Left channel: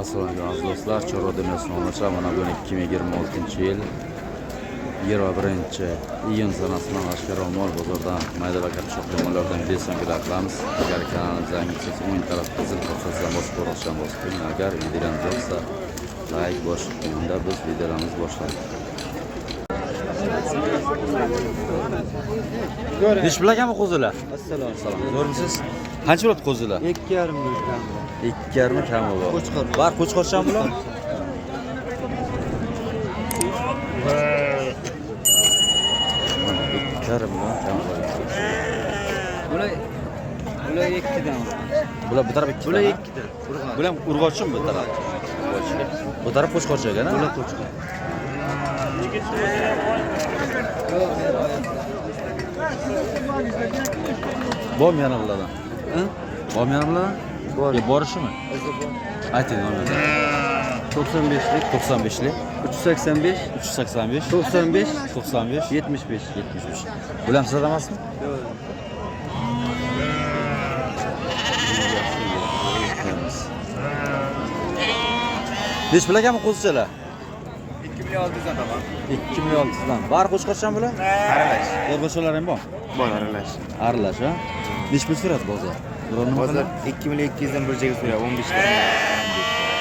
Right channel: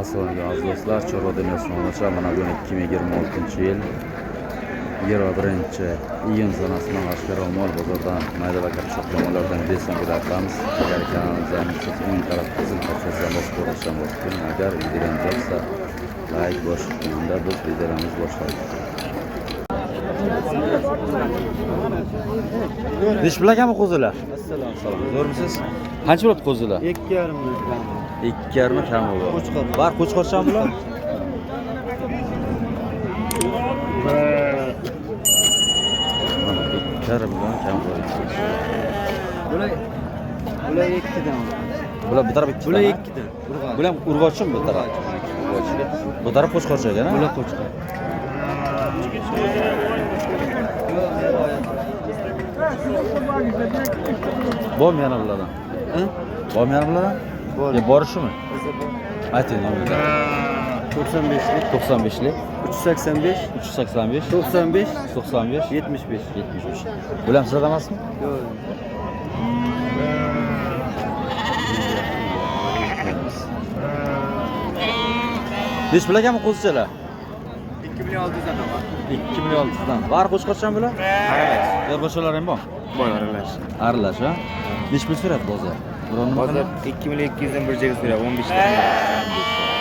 Assalomu alaykum do'stlar, Chorva dunyosidan onacha mana bugun 2026-yil 21-iyun sanasidan Ashkaro mol bozordan mayda va katta shoxli mollardan videosini qilamiz. Agar kanalimizga yangisangiz o'ng taraf qizil parchasidan bosib ko'rishdan bosib qo'ying. Agar videolarimiz yoqsa like bosib qo'yingda biz videolarimizni boshlaymiz. Ish bilaganmi qo'zilar? Assalomu. Zo'rmisiz? Qancha bo'ladi qo'zilar? 2,5 kam bor. Bar qo'chqorchan bular? Mana 2,5 million kam bor. Bular 2 dan. Bular bir taraf 2 dan. Bular 2 dan. Bular urg'ochmi bu taraf? Bu taraf qo'chqorchagan, ha? Bular qo'chqor. Bom yana bulardan. Bom yana bulardan? Borishmi? Ayting nomerni. 95lik 95lik 385 385 95 95 75. 75. Bular ham sizda emasmi? Yo'q. Besh bilaganmi qo'zichalar? 2,600 dan. 2,600 dan. Bar qo'chqorchan bular? Erg'ochalar ham bor. Bor aralash. Aralash, ha? Besh pul so'radi bozor. Biror nima qiladi? 2,200 dan bir joyga so'raydi, 15 dan.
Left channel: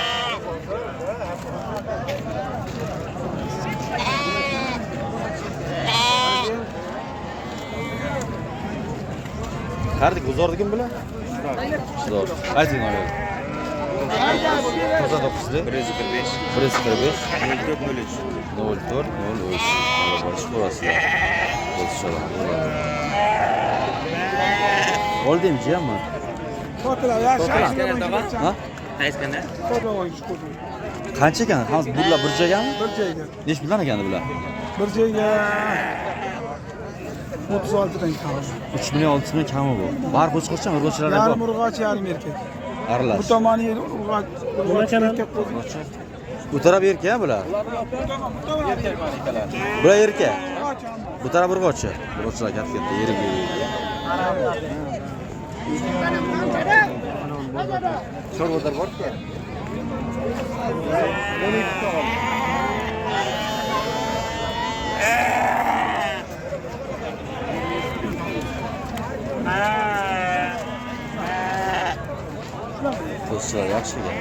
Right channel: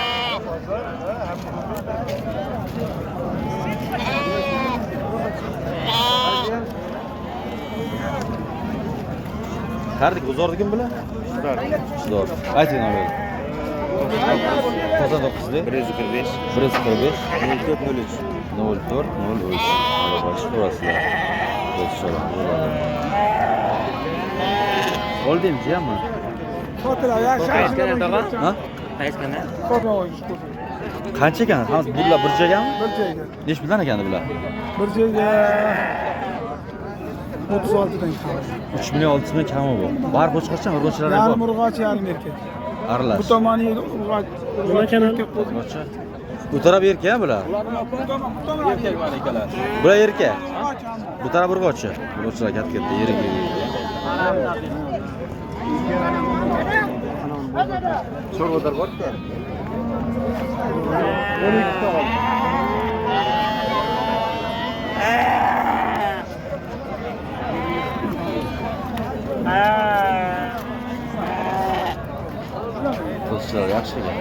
Qardik bozordikin bular? Zo'r. Ayting nomerni. 99lik 145 145 0403. 0403. Mana boshqa ko'rasizlar. Qo'zichalar bo'ladi. Oldin jiyammi? Ha? Qaysiqana? Qancha ekan? Hamma bular bir joygami? Bir joyga. Nech puldan ekan bular? Bir joyga 36 dan kam. 3 million 600 ming kami bu. Bar qo'chqorchan, urg'ochilar ham Yarim bor. urg'och, yarim erkak. Aralash. Bu tomoni urg'och. Urg'ochi. Bu taraf erkak bular. Bular erkak. Bu taraf urg'ochi. Urg'ochilar katta-katta yirik. Chorvador bor-ku. Qo'zichalar yaxshi ekan.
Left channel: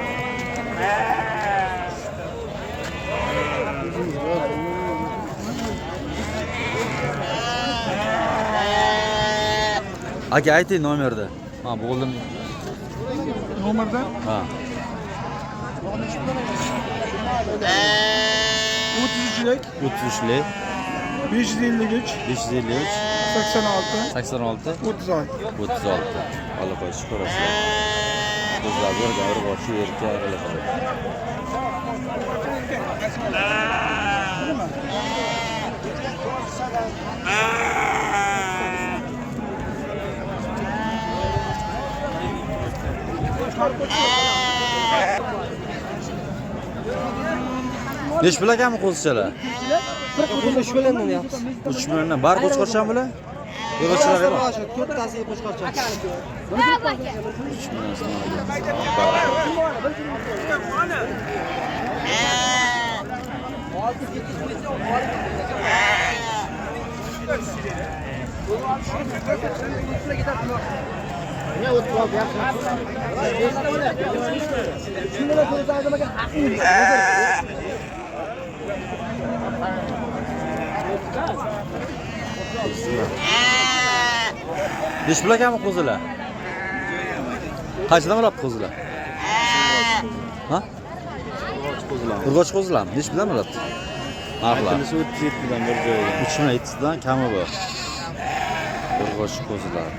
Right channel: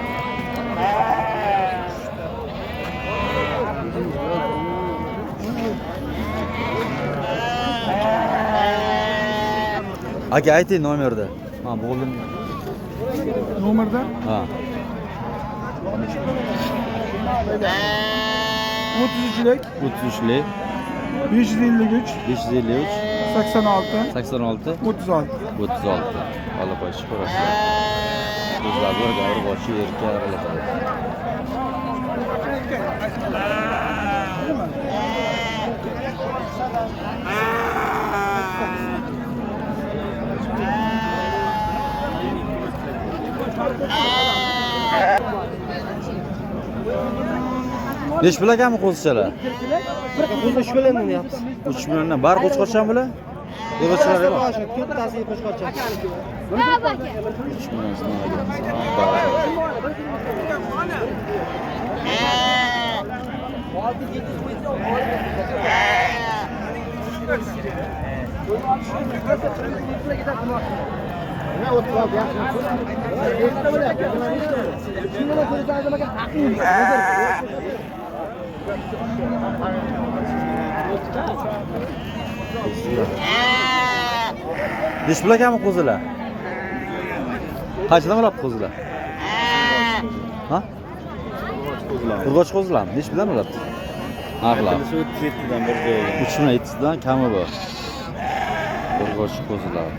Aka ayting nomerni. Men bo'ldim. Nomerda Ha. 33lik 33lik 553 553 86 86 36. 36. Olib qo'yish ko'rasizlar. Ko'zlar bir gavr boshi yerga aralatadi. Nech bilaganmi qo'zichalar? 3 milliondan deyapsiz. 3 milliondan. Bar qo'chqorchan bular? Yo'g'ochilar ham bor. 4tasiga qo'shqorcha. 3 million so'ragan. Bar. Nech bilaganmi qo'zilar? Qanchadan oladi qo'zilar? Ha? Urg'och qo'zilarmi? Nech bilan oladi? Narxlar 37 dan bir joyga. 3 million 700 dan kami bor. Urg'och qo'zilar.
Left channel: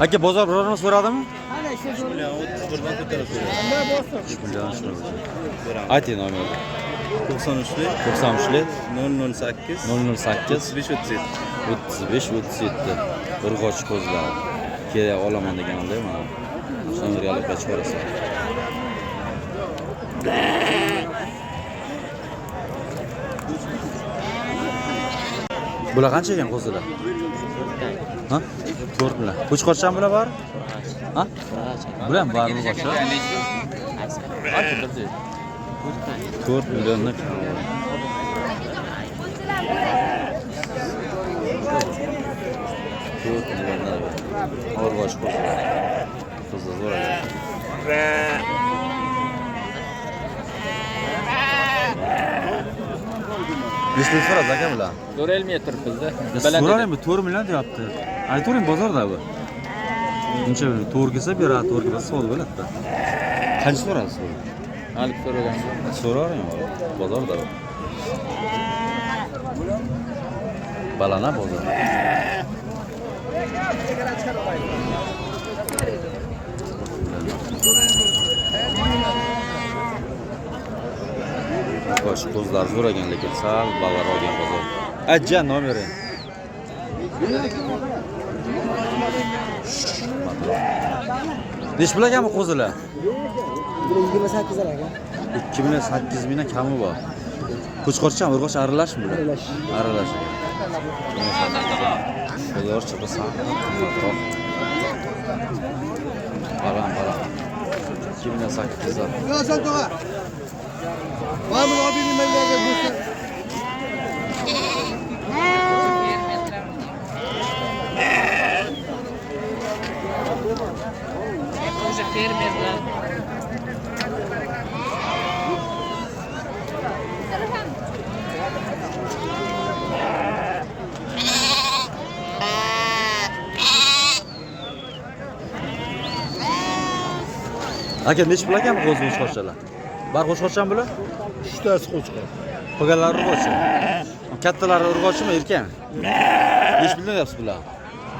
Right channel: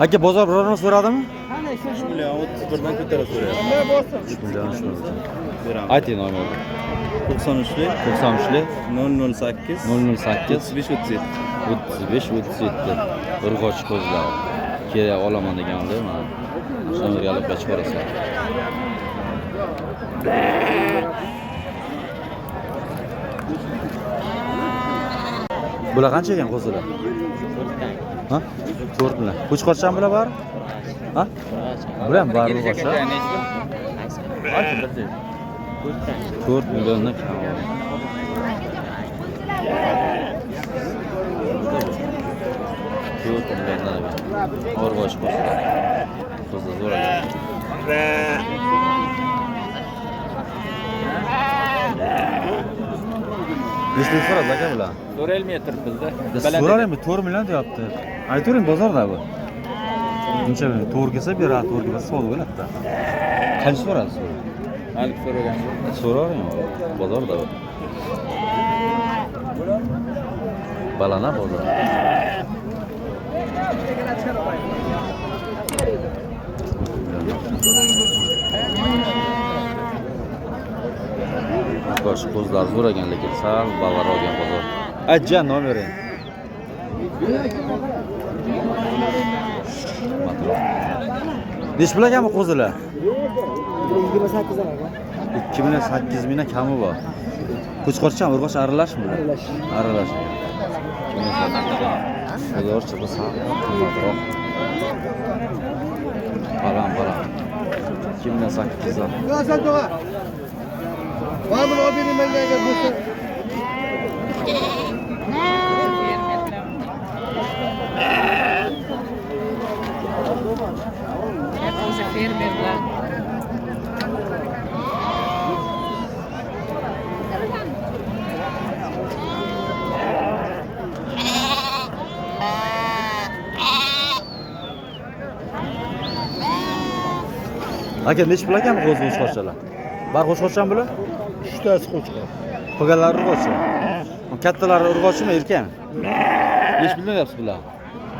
Aka bozor birorini so'radimi? 3 million 30 birdan ko'tarib so'rayapti. 3 million 3 million. Ayting nomerni. 93 93 008 008 35 35 37 urg'och ko'zlar. Kerak olaman deganlar mana. Shu nomerga olib qochib ko'rasizlar. Bular qancha ekan qo'zilar? Ha? 4 million. Qo'chqorchan bular bor? Ha? Bular ham bor urg'ochlar. 4 milliondan kam bor. 4 milliondan ekan. Urg'och qo'zilar. Qo'zilar zo'r ekan. Nechta so'radi aka bular? 4 metr bizda. So'ralaymi 4 million deyapti. Aytavering bozorda bu. Buncha bilan to'g'ri kelsa beradi, to'g'ri kelsa savdo bo'ladi-da. Qancha so'radi so'ra? Alik so'ragan. So'ravering bozorda bu. Balana bozor. Bosh qo'zlar zo'r ekan, lekin sal balar olgan bozor. Ajja nomering. Nech pul ekanmi qo'zilar? 28 aka. 2 million 8 mingdan kami bor. Qo'chqorchan urg'och aralashmi bular? Aralash ekan. 2 million 8 bozorcha bir sal qimmatroq. Balam. 2 million 8 dan. Yo'qsan to'g'a. Voy bu obini menga agar bo'lsa. O'sha fermerlar. Aka nech pul ekanmi qo'zi qo'chqorchalar? Bar qo'chqorchan bular? 3 tasi qo'chqor. Qolganlari urg'ochi. Kattalari urg'ochimi, erkakmi? 5 million deyapsiz bular.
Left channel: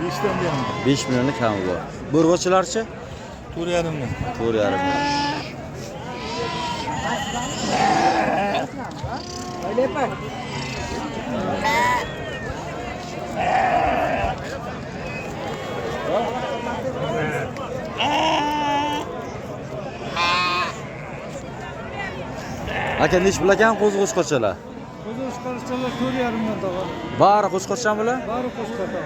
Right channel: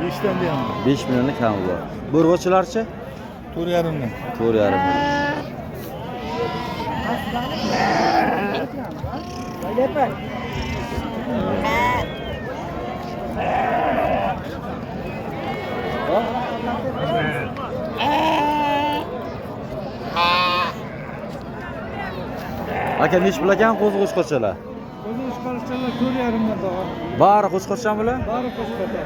5 dan buyon. 5 millionlik kami bor. Bu urg'ochilarchi? 4,5 dan. 4,5 million. Aka nech pul ekan qo'zi qo'chqorchalar? Qo'zi chiqarishchalar 4,5 dan tog'a. Bari qo'chqorchan bular? Bari qo'shqorda.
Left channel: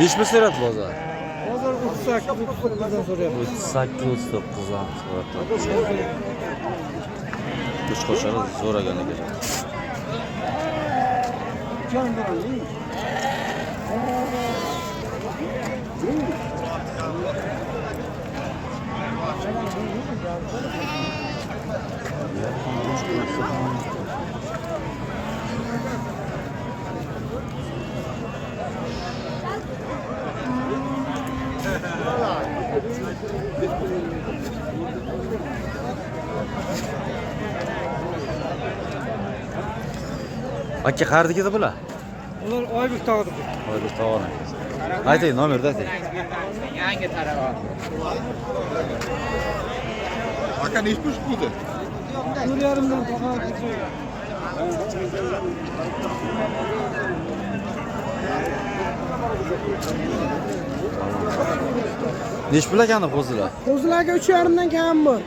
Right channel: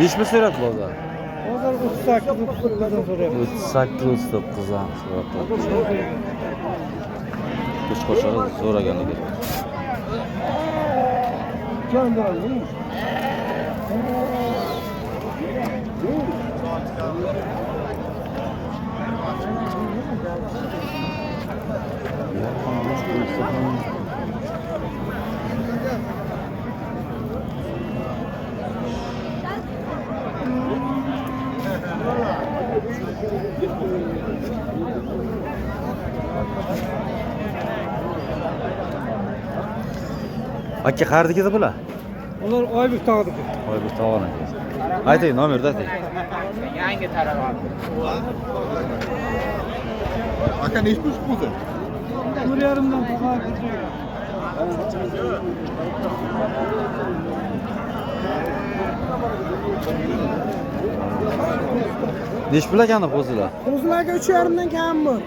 Nech pul so'radi bozor? Bozor 38 dan so'rayapti. 38 dan so'radi. Qo'chqorchalar zo'r ekanligi. Jon bormi? Aka qayerdagida bular? Ular Oybek tog'diki. Oybek tog'ona. Ayting nomerda ayting. Yangi taraf. Aka nech pul bo'ldi? 4,5 dan tog'a. Nech pul ekani qo'zilar? Qo'zilarga 3,5 dan kam bor.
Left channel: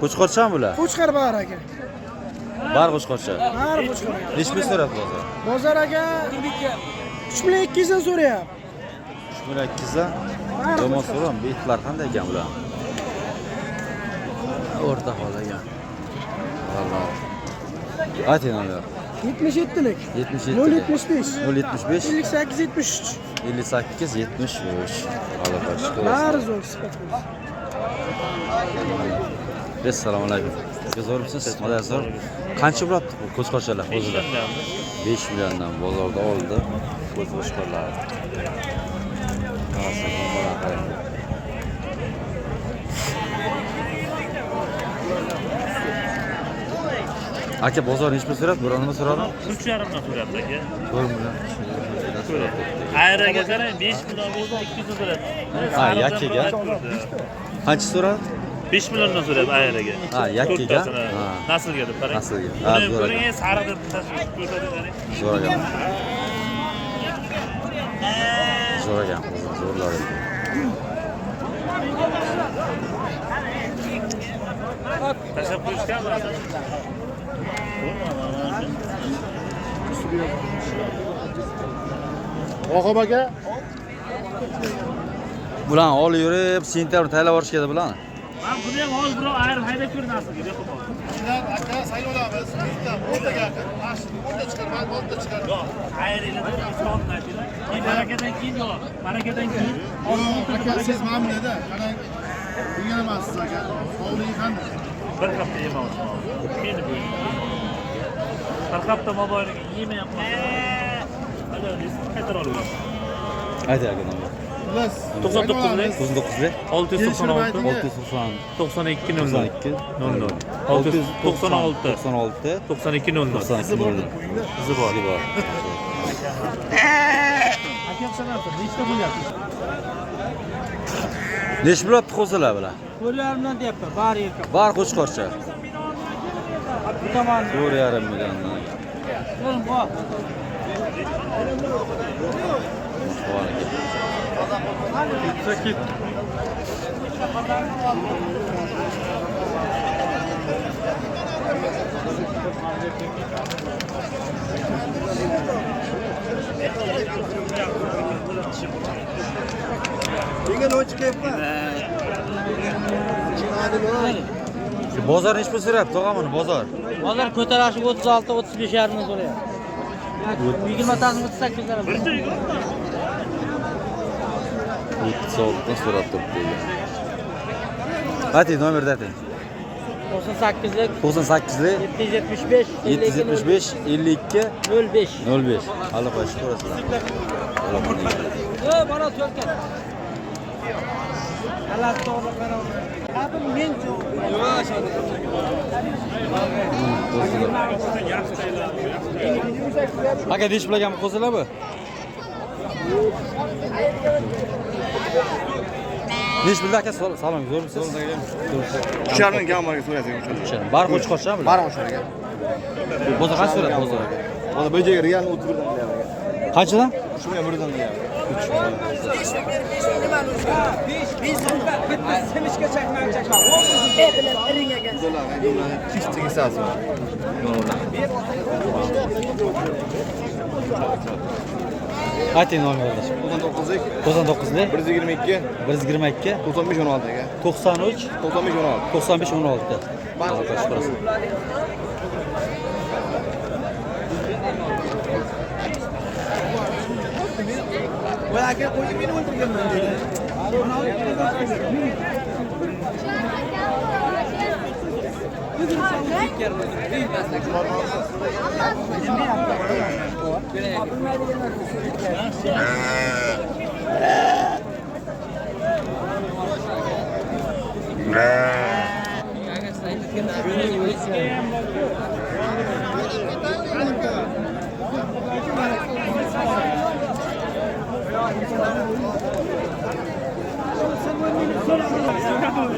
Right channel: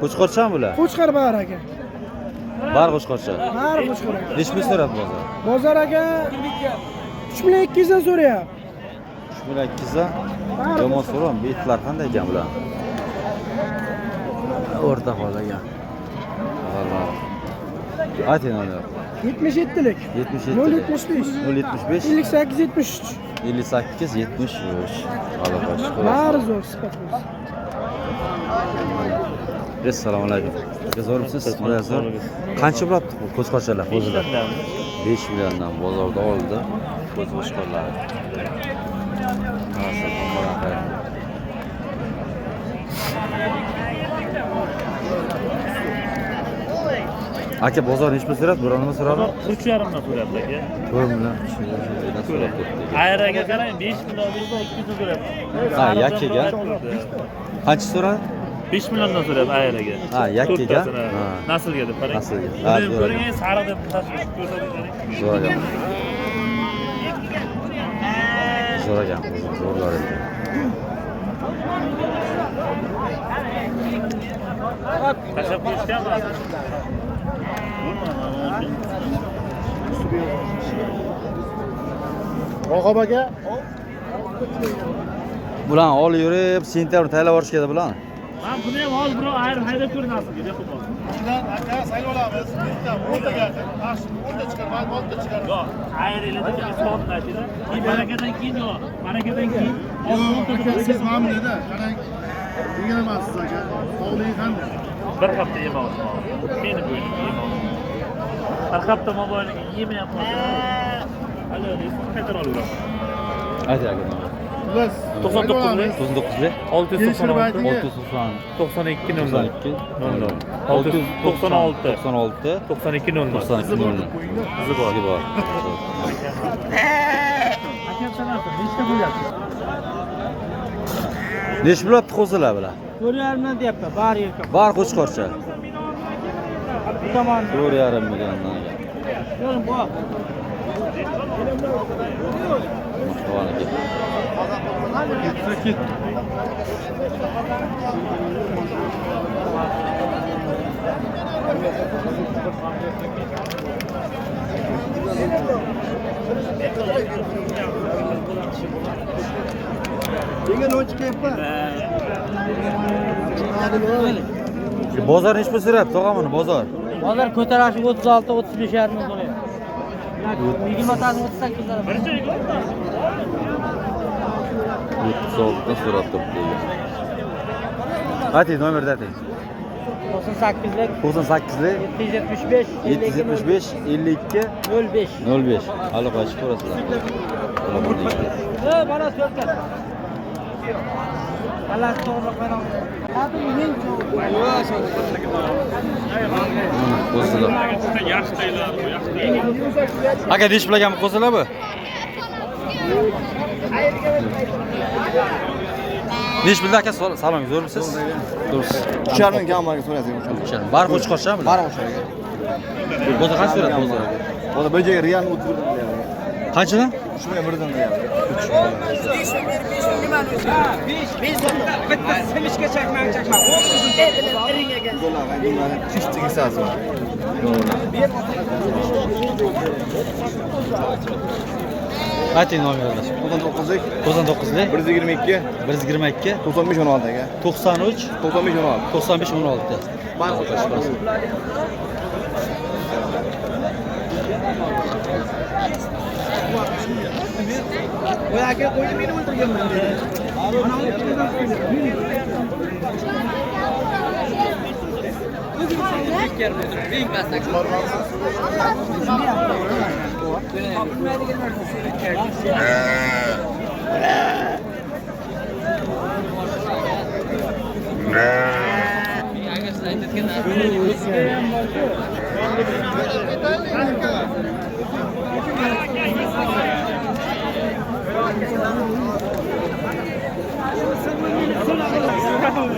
Qo'chqorchan bular? Qo'chqor bor aka. Bar qo'chqorcha. Bari qo'chqor. Nech pul so'radi bozor? Bozor aka 3,2 dan so'rayapti. 3,2 dan. Yomon so'ram, betlar qanday ekan bular? O'rta hol ekan. Vallahi. Ayting nomer. 77lik. 77. 075. 075 58 73. 58 73. Alloh shukr Bari olsun. zo'r sifat bo'lsin. Assalomu alaykum. Zo'rmisiz? Mana zo'r. Qancha bo'ladi qo'chqorchalar o'zida? 5 milliondan bozorda oldi. Ko'z qo'chqorlar. Qarasa, tombadan qarang. Aka bozor nech pul so'radi? Biron nima so'radi? 3,5 dan so'rayapti aka. 4 million. Ayraga qarang 5 million 200 so'rayapti. Ha, yakkaga. Qancha so'radi? 5 milliondan so'rayapti ayariga. Ha, yakkaga? Ha. Naslga deb qarang. Naslga. Ha, zo'r ekan. Buni sariq deb ko'rsatishadi. Zo'r ekan. Zo'r ekan, zo'rlar ekan. Tashlab qo'yishgan bo'lsa. Raqob aka. Bularni olib yurib, sentabr taylab yuborishgan bularni. Men buni ham hozir birov ayirib haydab ko'rinasiz deb qo'ydim. Aka sayla olamiz. Bitta 10 taga, 10 ta chiqar, 10 ta chiqar. Yo'q, ayirlar deb hisobni aytdi. Barakadan keyin yo'q. Barakadan keyin Aka siz mamnunda. Qarang. Degan emassiz aka. Sog'ligingiz qanday? bir hafta yemadim. Meni bu. Bir hafta mobaynida yemayapman. Ana eski petrollar. Ayt aka nomor. Biz 99 99 696 690 92 92 00 696 96 92 00 92 00 Sizga bor. Necha bo'ladi qo'zilar bular? Ko'rlarni deyapti, bari ekan. Bar qo'chqorcha. Bu tomon 4,5 milliondan gap. Mahvoniki. Degan o'chkayapti. Bozor nech pul so'rayapti, tog'amini bozor? hozir ko'tarashi 36 35 yarim so'rayapti. 20 tani 38 lira. 36 dan so'rab turibdi. Ayting, nomerni ayting. 98lik 98lik 775 775 52 05. 05. Hali qo'yishib ko'rasizlar. Olaman. Bana Türkiye. Allah to'g'ri qarang. Hadi men yavaş ol. Mana qo'zilar. Aka dish bilan qo'zilar bu? Dish bilan aka salom, zo'rmisiz? Zo'rsiz. 3,5 ming kamarga so'raysiz. Bar qo'chqorchami bular? Bar qo'chqorga. Bozor qancha so'rayapti bozor? Bozor bir joyga real 30 birdan qilyapti. Qanchadan? 3 million birdan qilyapti. 3 million. Чисто кисasi var. Ayting nomerni. 99lik 99lik 122 122 95 16 aka. 93 95 16. 95 16. Bana kaç parası? O aka qo'ydi meni o'ldirganman dedi.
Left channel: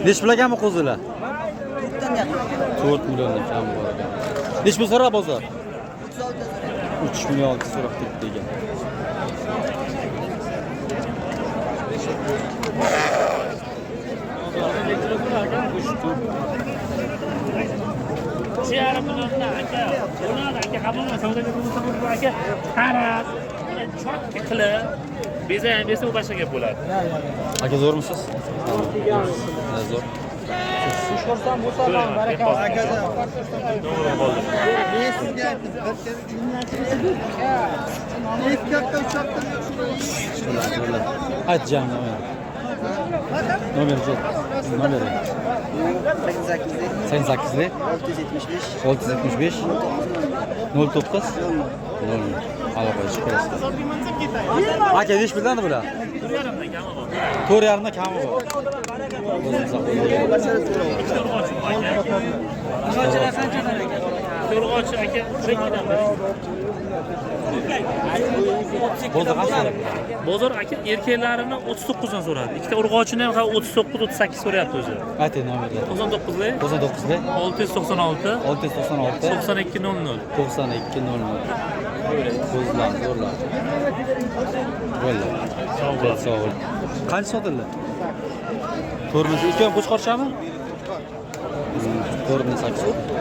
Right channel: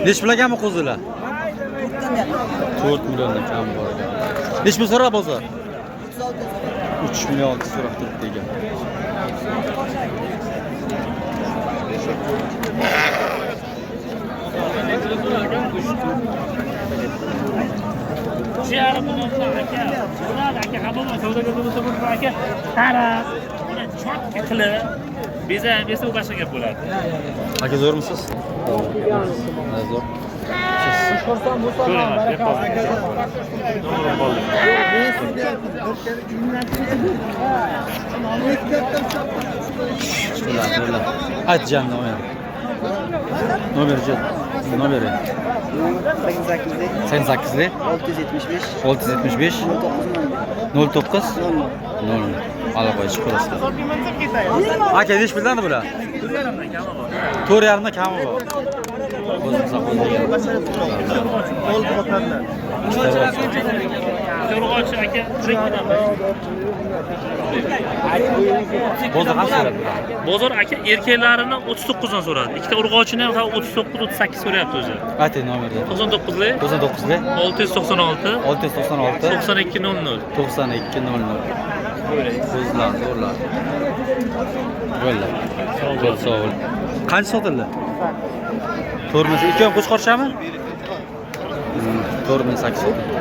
Neç bilaganmi qo'zilar? 4 milliondan kam bor ekan. Neç pul so'rab bozor? 3 million so'rab turibdi ekan. Ziyaret bulundu aka. Ular aka qabul savdoga bo'lsa aka qarab, uni chotga qilib beza u boshqa gap bo'ladi. Aka zo'rmisiz? Zo'r. Ko'rsam bu salom barakalloh akajon. Zo'rlar. Ayt jam nomer. Nomerchi. Nomeri. 88lik 675 09 0. Ala qo'yish ko'rasiz. Aka ish bildingmi bular? 4,5 kami bor. O'zim saqlagan. Qo'lchilar qancha? Ikkita urg'ochi aka tirik. Bozor qancha so'rayapti? Bozor aka erkaklarini 39 dan so'radi. Ikkita urg'ochini ham 39-38 so'rayapti o'zi. Ayting nomerni. 99lik 99lik 696 696 9200. 9200. So'zlar, zo'rlar. Bo'ldi. Sog' bo'l. Qancha sotildi? 4 ikki ham qo'chqorchami? 4800 sotildi.